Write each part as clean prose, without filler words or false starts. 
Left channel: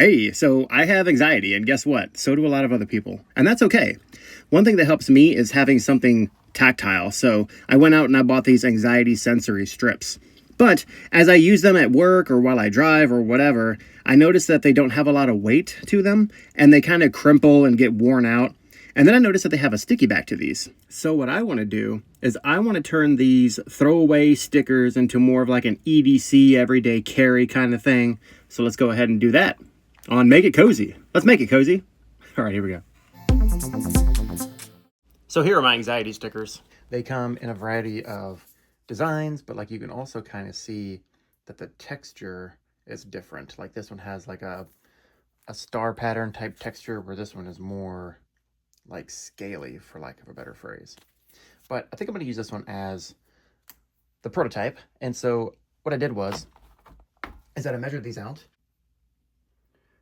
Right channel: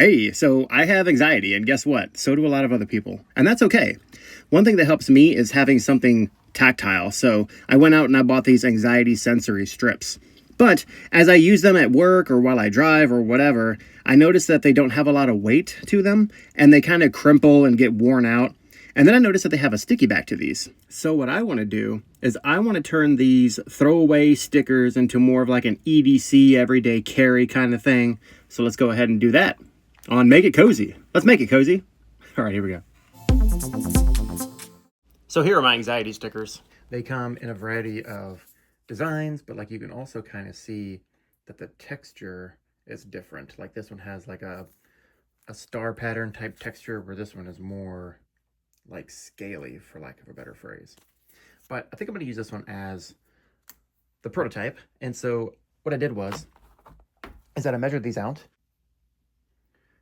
Hey, so I have anxiety, and guess what? So do a lot of other people. And that's okay. One thing that helps me is having something tactile. So I went out and I bought these anxiety sensory strips. But as I use them at work or while I drive or whatever, I notice that they don't have a lot of weight to them and they kind of crimple and get worn out. And then I noticed that they have a sticky back to these. So what I want to do is I want to turn these throwaway stickers into more of like an EDC everyday carry kind of thing. So let's go ahead and do that on Make It Cozy. Let's make it cozy. All right, here we go. So here are my anxiety stickers. They come in a variety of designs, but like you can also kind of see that the texture is different. Like this one has like a star pattern type texture, where this one is more like scaly, for lack of a better phrase. But I think I'm going to use this one as the prototype. And so what I did is that I measured these out.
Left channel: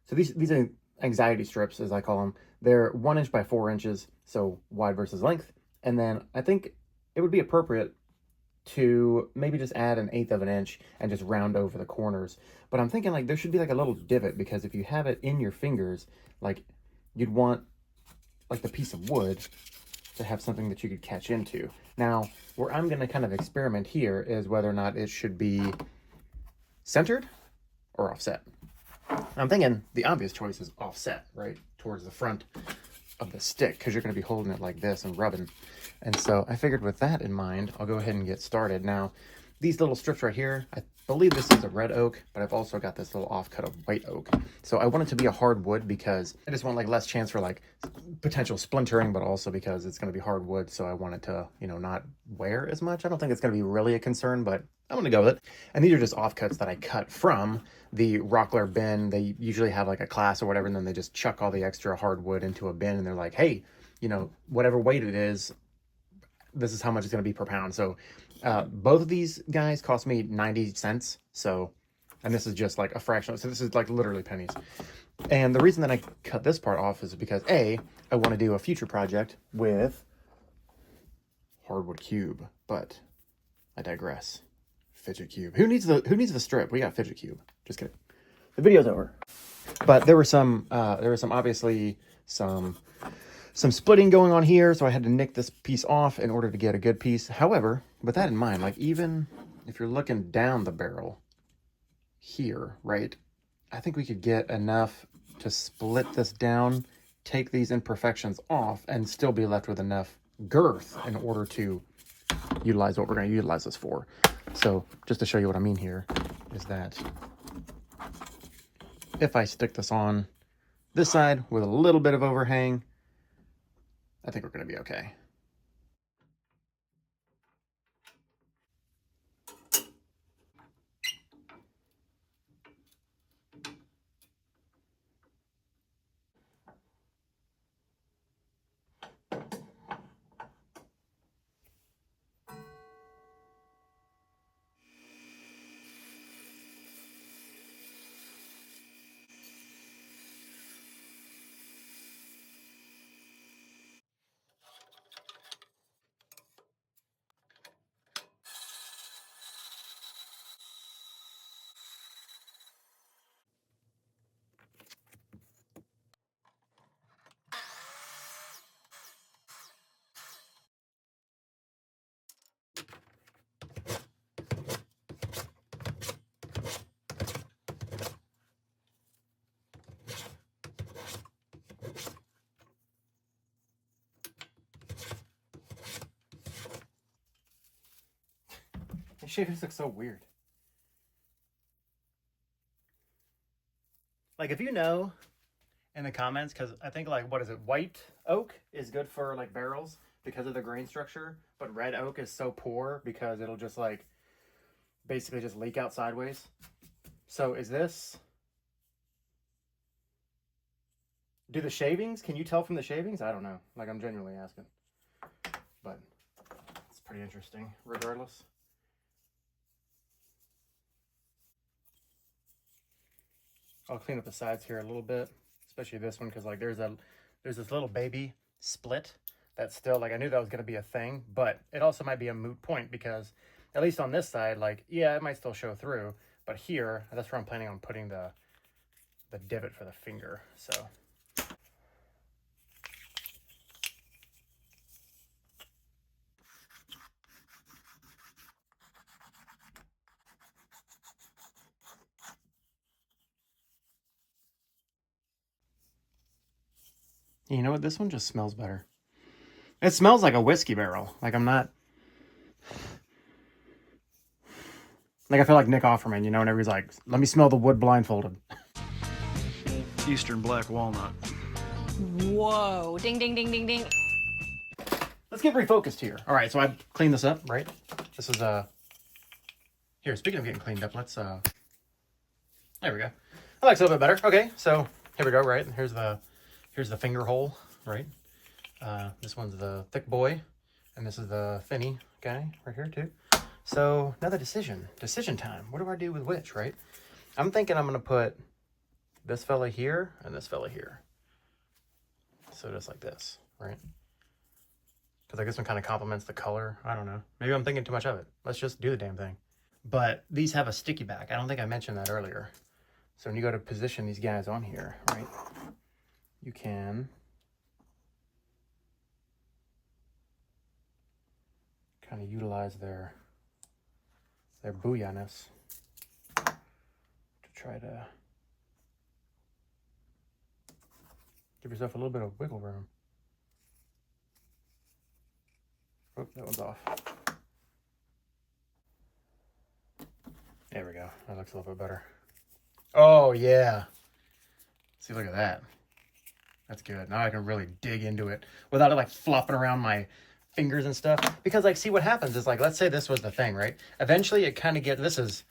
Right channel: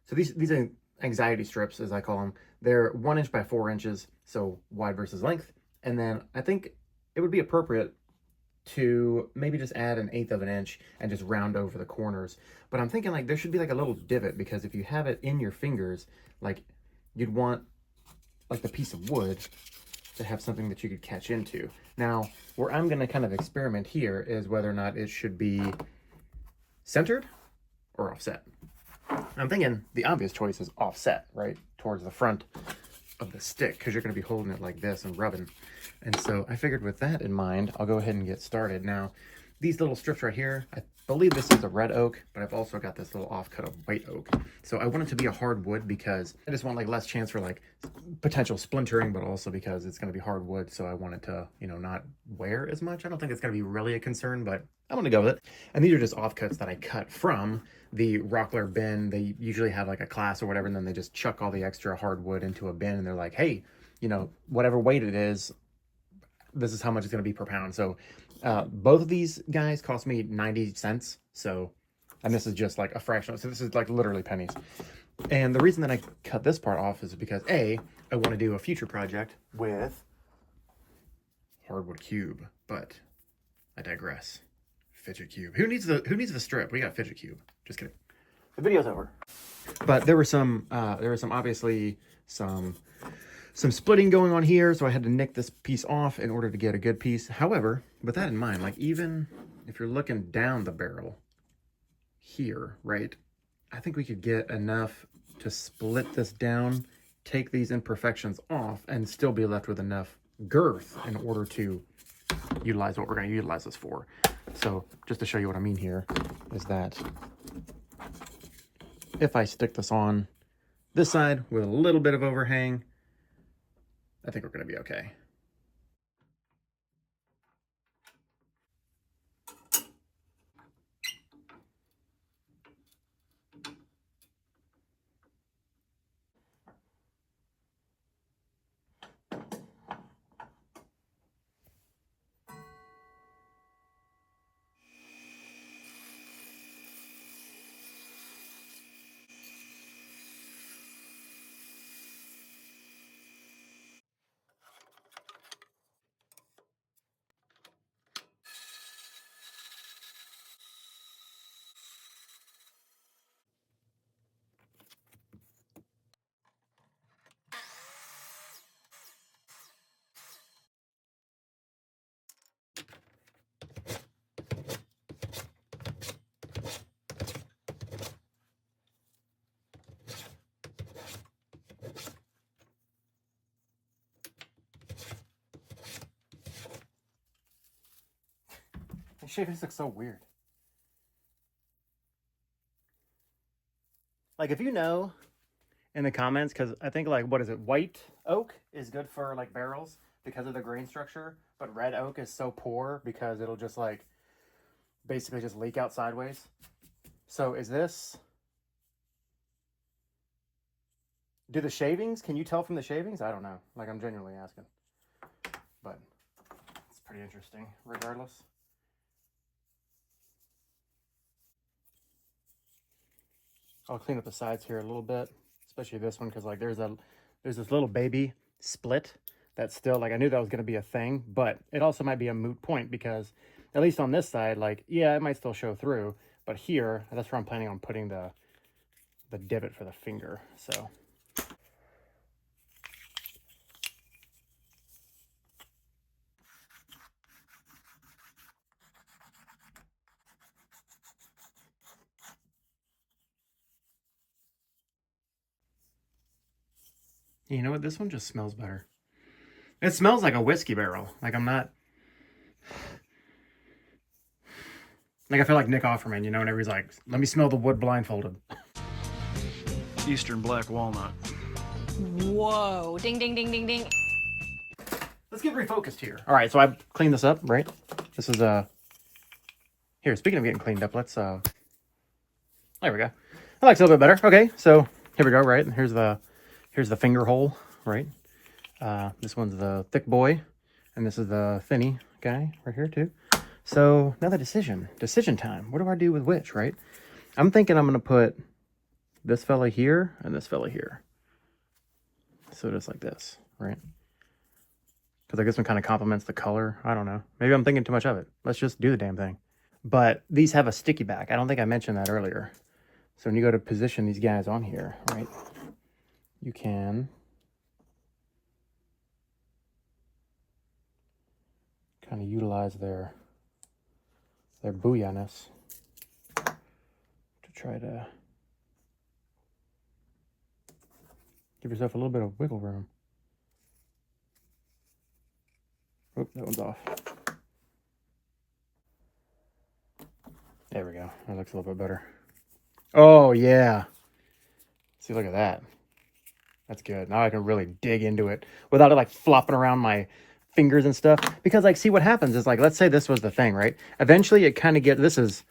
So these are anxiety strips, as I call them. They're 1 inch by 4 inches, so wide versus length. And then I think it would be appropriate to maybe just add 1/8 of an inch and just round over the corners. But I'm thinking like there should be like a little divot, because if you have it in your fingers, like you'd want like the piece of wood to have something that you could catch into. Now, where I'm going to kind of experiment here is whether or not it should be centered or offset. And I'm thinking the obvious choice is offset, right, towards the front of the stick, because you're going to be holding it like this and rubbing. And so I figured with that in mind, I'll go ahead and get started. Now, these little strips right here, I believe this is a red oak, but I've also got this little offcut of white oak. So I want it to be a hard wood because I just want like less chance for like potential splintering, but also because it's going to be hard wood. So I want it to, you know, not wear as much. I don't think it's going to be really a concern, but I'm going to go with it. And these are just offcuts that I cut from the Rockler bin. They usually have like a class or whatever, and then they just chuck all the extra hardwood into a bin, and they're like, hey, you know, whatever weight it is, this is how much it's going to be per pound. So both of these guys cost me 90 cents. So, and this is just like a fraction. So this is like literally pennies. And the reason that I cut this part off is because I want to do a future project with hardwood cube, but I digress. Fidget cube. Who needs the strip? We got fidget cube. Just kidding. The video's over. But there was some obviously some splitting going on here, so I had to nick this piece off in order to get a good piece. However, with that in mind, like even if you're looking down the barrel here, right, I think we could get enough to split this down, take these imperfections off, and still be left with enough girth in order to utilize what we're going to utilize this for. So just to show you what I mean here is that if I stick this on this side with a little bit of overhang, I think we're going to be okay. This shavings looks so weird. Like if you know in the comments, because I think like, what is it? White oak is good for like barrels because of the grain structure, but red oak is so poor because it'll just like basically just leak out sideways. So is this, do the shavings, can you tell from the shavings? I don't know. Like I'm genuinely asking, but it's pretty interesting regardless. I'll clean up the sides here a little bit, especially this one, because like there's this little baby split that's still like, I knew that was going to be a thing, but it also might be a moot point because at least on this side, like, yeah, it might still show through, but here, that's where I'm planning on putting the divot for the finger. So you know what? This one just smells better. It smells like a whiskey barrel. Like I'm not... Like I feel like Nick Offerman, you know, whenever he's like, let me smell the wood blindfolded. Eastern black walnut. Whoa. Ding, ding, ding, ding, ding. Let's get refocused here. All right, so I've cleaned this up, right? This is here, speaking of getting cleaned up, let's there we go. That looks a little bit better. Okay, so here we go, right? Here's the finger hole, right? This one's the thick boy, and this is the thinny guy right here too. So now the decision time. What do I do with which, right? I'm thinking I'm gonna put this fella here and this fella here. So just like this, right? Because I guess one kind of complements the color. I don't know. Maybe I'm thinking too much of it. Let's just do the damn thing. But these have a sticky back. I don't think I mentioned that earlier. So when you go to position these guys on here, right, you can kind of utilize their booyah-ness to try to give yourself a little bit of wiggle room. Oop, that one's off. There we go. That looks a little bit better. Oh, yeah. See, look at that. That's good. Now I can really dig into it without it like flopping around my fingers and stuff. Because like, see what happens is like, let's say this was the thing, right? Eventually it kind of this is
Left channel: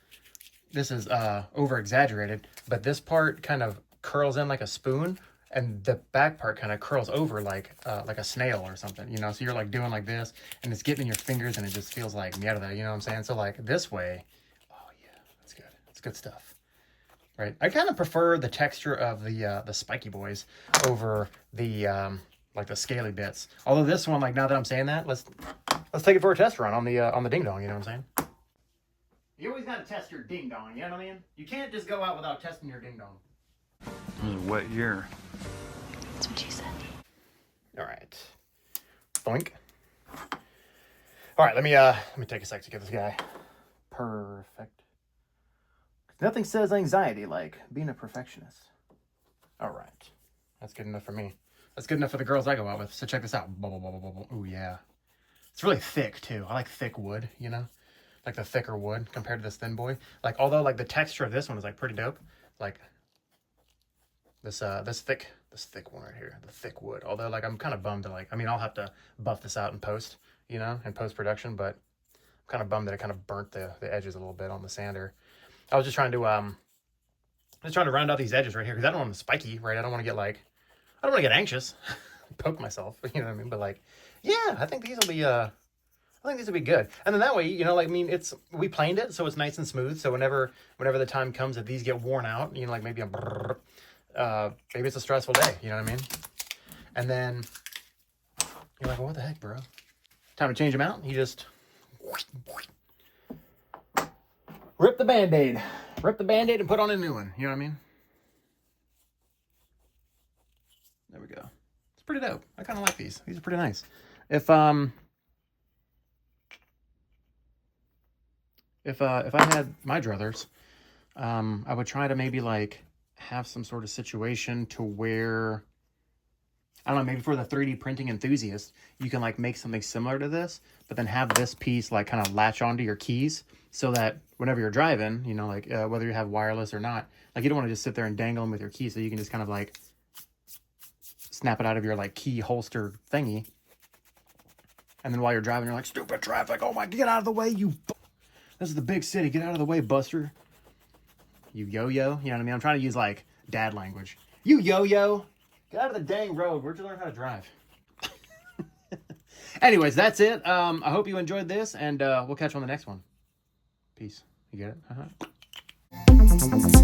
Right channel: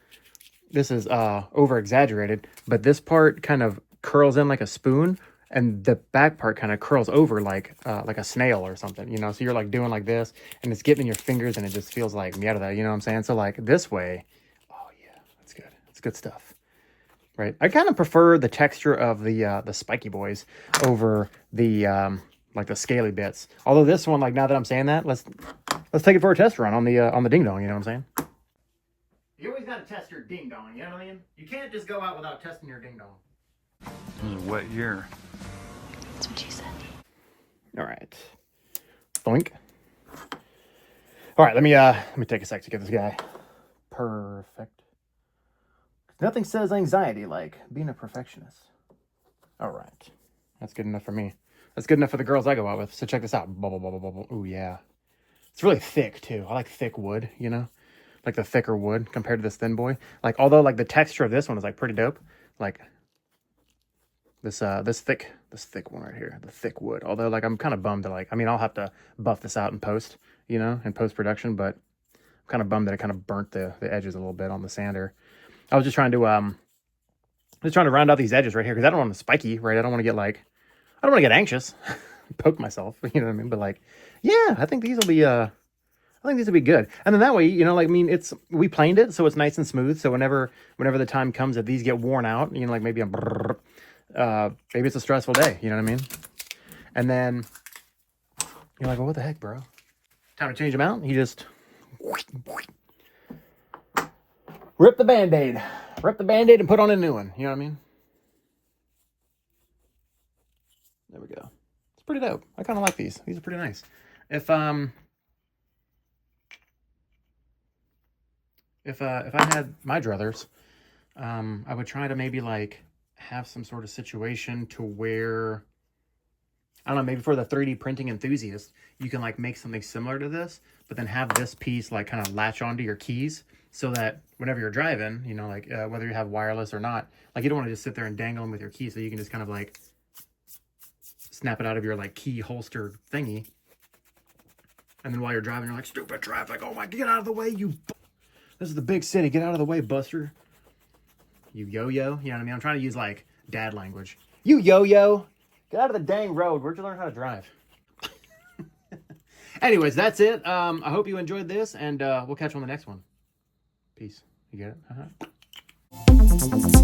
over exaggerated, but this part kind of curls in like a spoon, and the back part kind of curls over like a snail or something, you know? So you're like doing like this, and it's getting in your fingers, and it just feels like mierda, you know what I'm saying? So like this way, oh yeah, that's good. It's good stuff, right? I kind of prefer the texture of the spiky boys over the like the scaly bits. Although this one, like now that I'm saying that, let's take it for a test run on the ding dong, you know what I'm saying? You always gotta test your ding dong, you know what I mean? You can't just go out without testing your ding dong. It was a wet year. That's what she said. All right. Boink. All right, let me take a sec to get this guy perfect. Nothing says anxiety like being a perfectionist. All right. That's good enough for me. That's good enough for the girls I go out with. So check this out. Bubble, bubble, bubble. Ooh, yeah. It's really thick, too. I like thick wood, you know? Like the thicker wood compared to this thin boy. Like, although, like, the texture of this one is, like, pretty dope. Like, this thick one right here. The thick wood. Although, like, I'm kind of bummed to, like, I mean, I'll have to buff this out in post, you know, in post-production. But I'm kind of bummed that it kind of burnt the edges a little bit on the sander. I was just trying to round out these edges right here. Because I don't want them spiky, right? I don't want to get, like, I don't want to get anxious, poke myself, you know what I mean? But like, yeah, I think these will be, good. And then that way, you know, like, I mean, we planed it, so it's nice and smooth. So whenever the time comes that these get worn out, you know, like maybe maybe it's a stressful day, you know what I mean? And then you're like, well, what the heck, bro? Time to change them out. You just rip the Band-Aid and put on a new one. You know what I mean? There we go. It's pretty dope. I kind of like these. These are pretty nice. If I had my druthers, I would try to maybe like have some sort of situation to where, I don't know, maybe for the 3D printing enthusiast, you can like make something similar to this, but then have this piece like kind of latch onto your keys so that whenever you're driving, you know, like whether you have wireless or not, like you don't want to just sit there and dangle them with your keys. So you can just kind of like snap it out of your like key holster thingy. And then while you're driving, you're like, stupid traffic. Oh my, get out of the way, this is the big city. Get out of the way, Buster. You yo-yo. You know what I mean? I'm trying to use like dad language. You yo-yo. Get out of the dang road. Where'd you learn how to drive? Anyways, that's it. I hope you enjoyed this, and we'll catch you on the next one. Peace. You get it?